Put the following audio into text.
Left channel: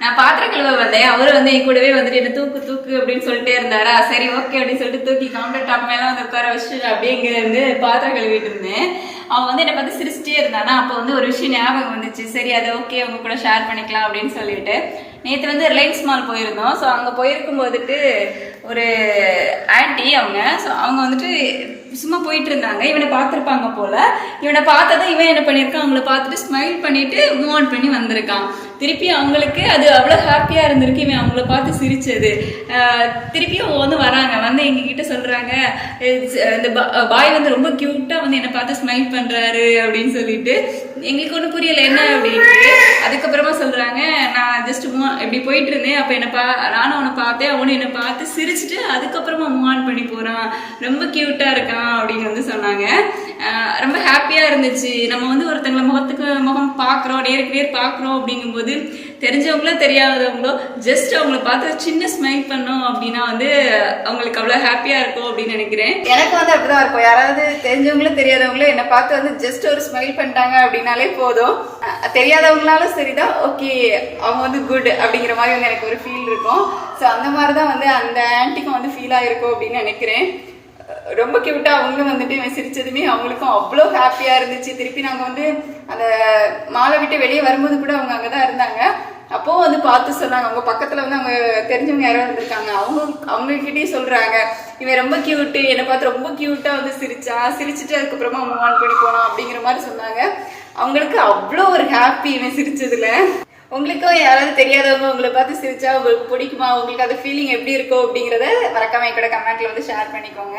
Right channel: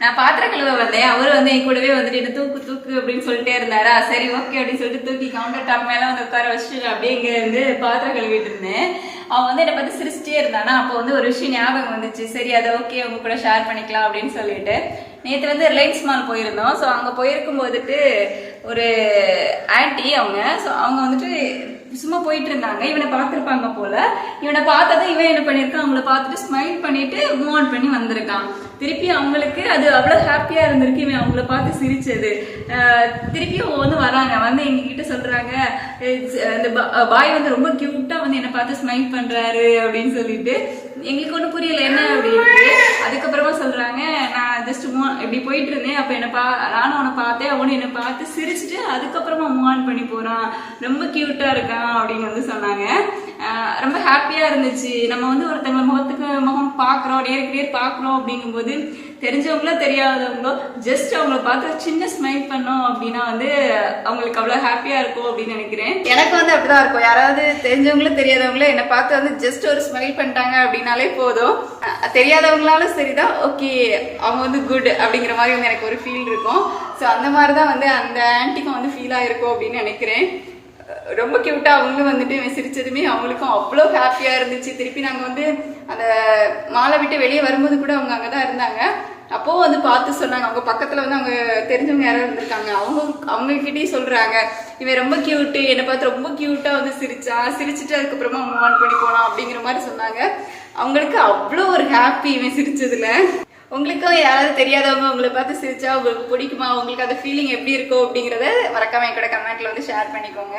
நான் பாத்திரம் கழுவ வந்தேன். அவரு வந்து என் கூடவே வந்துட்டு என்ன தூக்கு தூக்கு அப்படின்னு சொல்லிட்டே இருந்தாரா. சரி ஓகே அப்படின்னு சொல்லிட்டு தூக்கி கவுண்டர் டாப் மேல வந்து உட்கார வச்சுட்டு அப்படியே இங்க இருந்து பாத்திரம் கழுவிட்டு இருந்தேன். அவன் வந்து என்னை பார்த்து சிரிச்சிட்டே இருந்தானா. அப்போ வந்து ஒரு விஷயம் ஞாபகம் வந்துச்சு. சரி அதை ஓகே உங்க கூட ஷேர் பண்ணிக்கலாம் அப்படின்னு சொல்லிட்டு நேற்று வந்து ரிலையன்ஸ் மால் போயிருந்தோம். ஸோ அங்கே போயிருக்கும் போதுட்டு ஒரு ஆன்டி அவங்க வந்துட்டு சும்மா போயிட்டு இருந்தாங்க. இவனை பார்த்துருப்பாங்க போல. இவனை பார்த்ததும் இவன் என்ன பண்ணியிருக்கான், அவங்கள பார்த்துட்டு ஸ்மைல் பண்ணிட்டு மூவ் ஆன் பண்ணி வந்திருக்கான். திருப்பி அவங்களுக்கு அது அவ்வளோ ஹாப்பியாக இருந்திருக்கு இவன் அவங்கள பார்த்து சிரிச்சது. திருப்பியும் வந்து வராங்க, வந்து எங்ககிட்ட சொல்கிறாங்க இந்த பாய் வந்து ரொம்ப க்யூட்டாக வந்து என்னை பார்த்து ஸ்மைல் பண்ணுறாரு அப்படின்னு சொல்லிட்டு. எங்களுக்கு ஒன்றும் புரியலை என்ன அப்படின்ட்டு. அதுக்கப்புறமா சொல்கிறாங்க, நான் ஜஸ்ட் இப்படி போயிட்டு இருந்தேன், அப்போ நானும் அவனை பார்த்தேன், அவனும் என்னை பார்த்து சிரிச்சுட்டு அதுக்கப்புறமா மூவ் ஆன் பண்ணி போகிறான், ரொம்ப க்யூட்டாக இருக்கான் அப்படின்னு வந்து சொன்னாங்க. ரொம்ப ஹாப்பியாக இருந்துச்சு. நம்ம வந்து ஒருத்தங்களை முகத்துக்கு முகம் பார்க்குறோம், நேருக்கு நேர் பார்க்குறோம் அப்படிங்கும்போது தெரிஞ்சவங்களோ தெரியாதவங்களோ ஜஸ்ட் அவங்கள பார்த்து சின்ன ஸ்மைல் பண்ணோம் அப்படின்னா வந்து அவங்களுக்கு அவ்வளோ ஹாப்பியாக இருக்கும் அப்படின்னு நினைக்கிறேன். எனக்கு வந்து அப்படிதான் இருக்கும். யாராவது தெரிஞ்சவங்களோ தெரியாதவங்களோ என்னை பார்த்து வந்து ஜஸ்ட் ஒரு ஸ்மைல் பண்ணிட்டாங்க அப்படின்னாலே போதும். தெரியாதவங்களாலும் சரிதான், ஓகே அவங்க வந்து குட் அப்படிங்கிற மாதிரி வந்து எனக்கு ஒரு ஃபீல் இருக்கும். ஸோ அந்த மாதிரி தான் வந்து அந்த ஆன்ட்டிக்கும் வந்து ஃபீல் ஆகிருக்கும் அப்படின்னு நினைக்கிறேன். ரொம்ப கியூட்டா அவங்களும் வந்துட்டு சிரிச்சதுமே அவங்களுக்கும் அவ்வளோ ஹாப்பியா இருந்துச்சு. திருப்பி நாங்கள் வந்து அந்த மாலை விட்டு வெளியே வரும்போது கூட அவங்க அங்கதான் இருந்தாங்க. அப்போ வந்து பார்த்து சொன்னாங்க, அவங்க பக்கத்துல வந்து அவங்க தெரிஞ்சவங்க யாரோ இருந்திருக்காங்க. அவங்ககிட்டயும் சொல்றாங்க, இவன் ரொம்ப கியூட்டு, என்னை பார்த்து ரொம்ப கியூட்டா வந்து சிரிச்சுட்டு அதுக்கப்புறமா மூவ் ஆன் பண்ணி போனான் அப்படிங்கிற மாதிரி சொன்னாங்க. அவங்களுக்கு அவ்வளோ ஒரு ஹாப்பி இவன் சிரிச்சதுல. உங்களுக்கும் யாராவது தெரியாதவங்க உங்களை பார்த்து சிரிச்சா உங்களுக்கு பிடிக்குமா, உங்களுக்கு அந்த ஃபீலிங் எப்படி இருக்கும் அப்படிங்கிறத மறக்காம என் கூட கமெண்ட்ல வந்து ஷேர் பண்ணிக்கோங்க.